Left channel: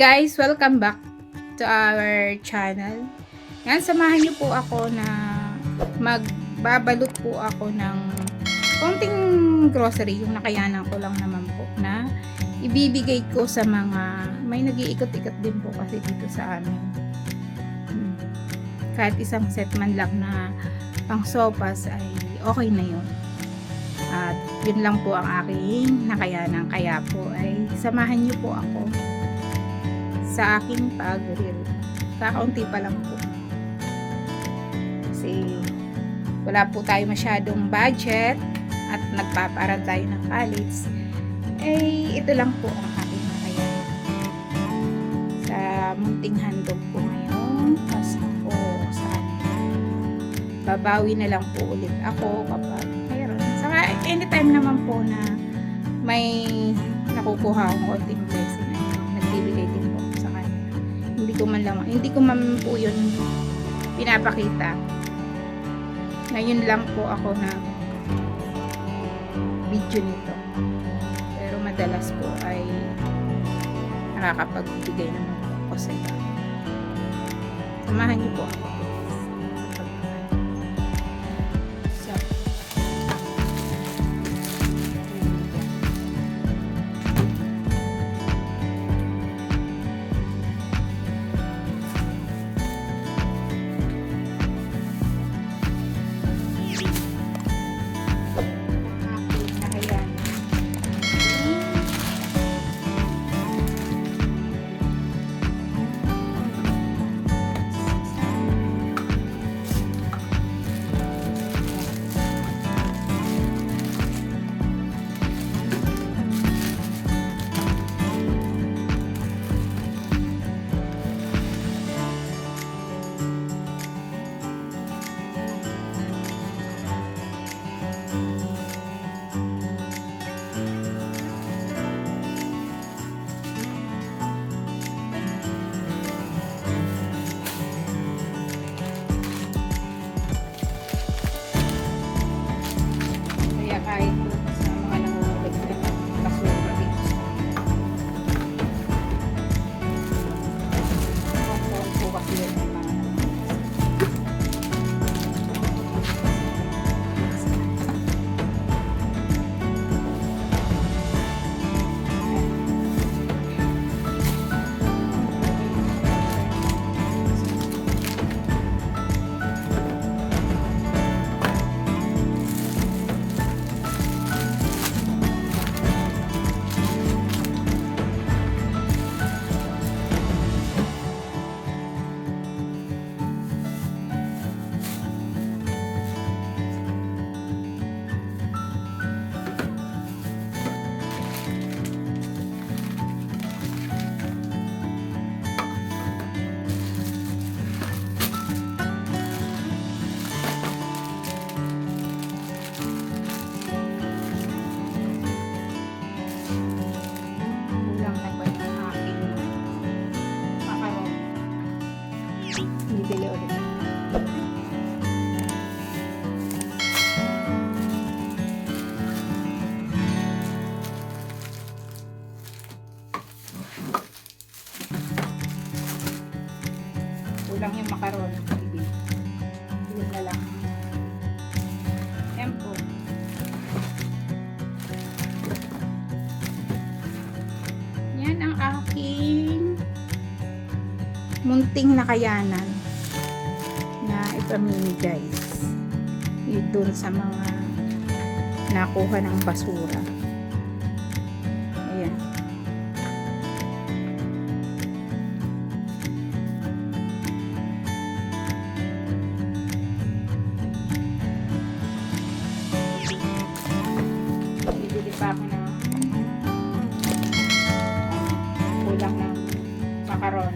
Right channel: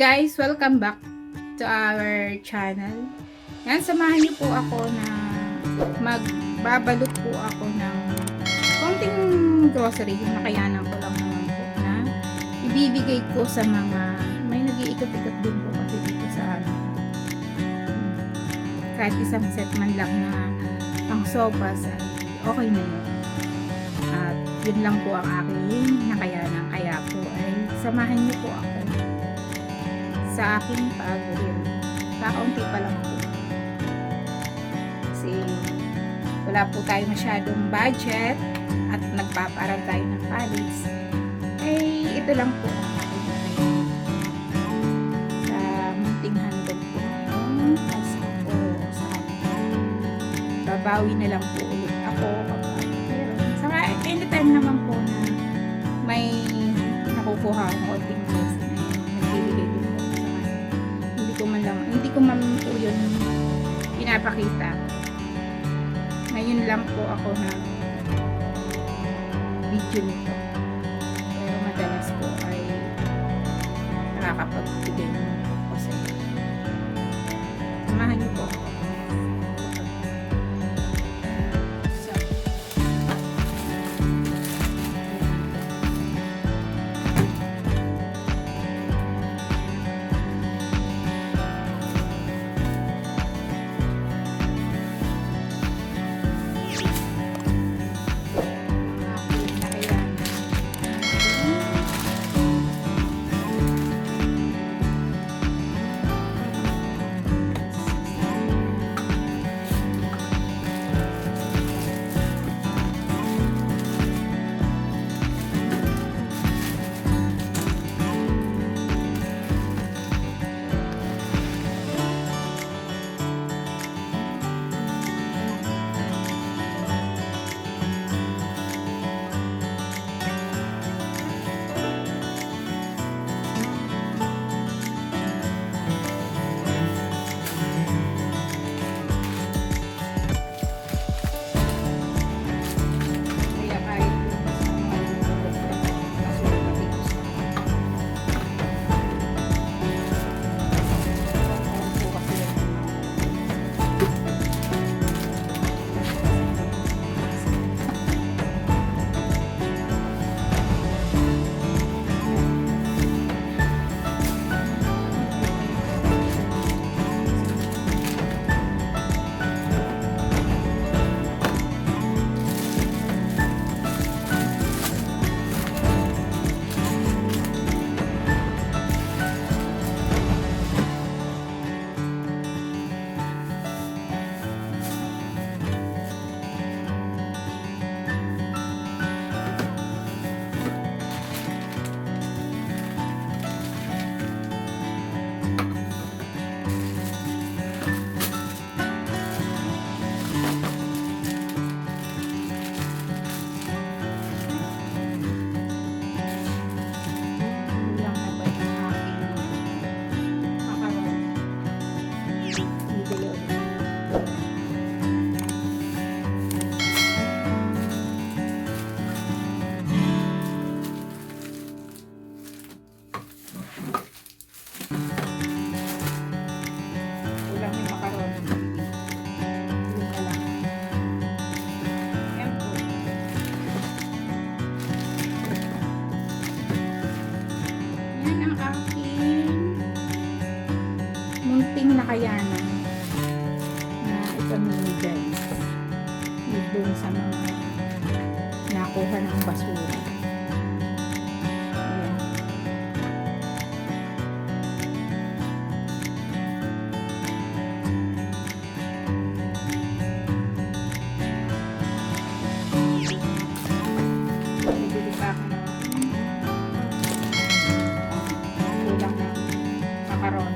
guys, welcome back to our channel. Yan, samahan niyo po ako na magbabalot po ako ng konting grocery, yung nakayanan ko lang naman po na ibibigay ko sa mga may nag-iikot-ikot din po kasi dito sa amin. Kahit isang set man lang na pang sopas ay okay na yun. At yun lang po ang aking nakayanan. Kaya po ay samahan niyo po ako sa aking pag-reel. Kakaunti pa lang po. Kasi wala po tayo masyadong budget at nagpaparal tayo ng college. Eh, ito lang po ang aking nakayanan. Sa munting handog po ngayon. Pasko sa babawi na lang po ulit ako kapag meron. Saka anytime naman po na may nakukuha akong konting blessing, nagbibigay din po sa kanya. Hindi ko man po yun pinapakita. Ngayon lang po ako na video nito. Pero madalas po ay nakakapagbigay ng ako sa inyo. Samahan niyo po ako. Kulang yung makaron. Kulang na lang. Ayan po. Yan ang aking munting nakayanan na ipamimigay doon sa mga nakuha ng basura. Ayan. Bibili pa ako ng kulang ng makaron.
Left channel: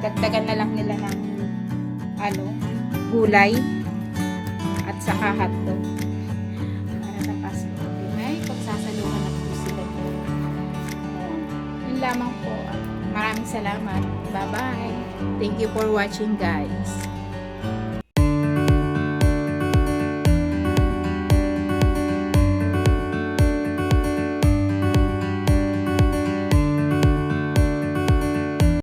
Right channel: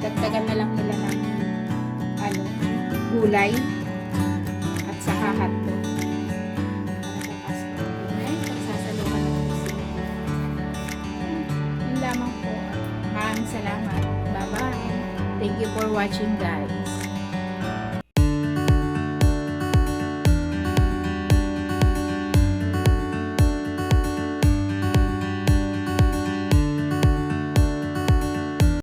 Dagdagan na lang nila ng gulay at saka hotdog para sa Pasko. Ay, pagsasaluhan na po sila. Yun lamang po. Maraming salamat. Bye-bye. Thank you for watching, guys.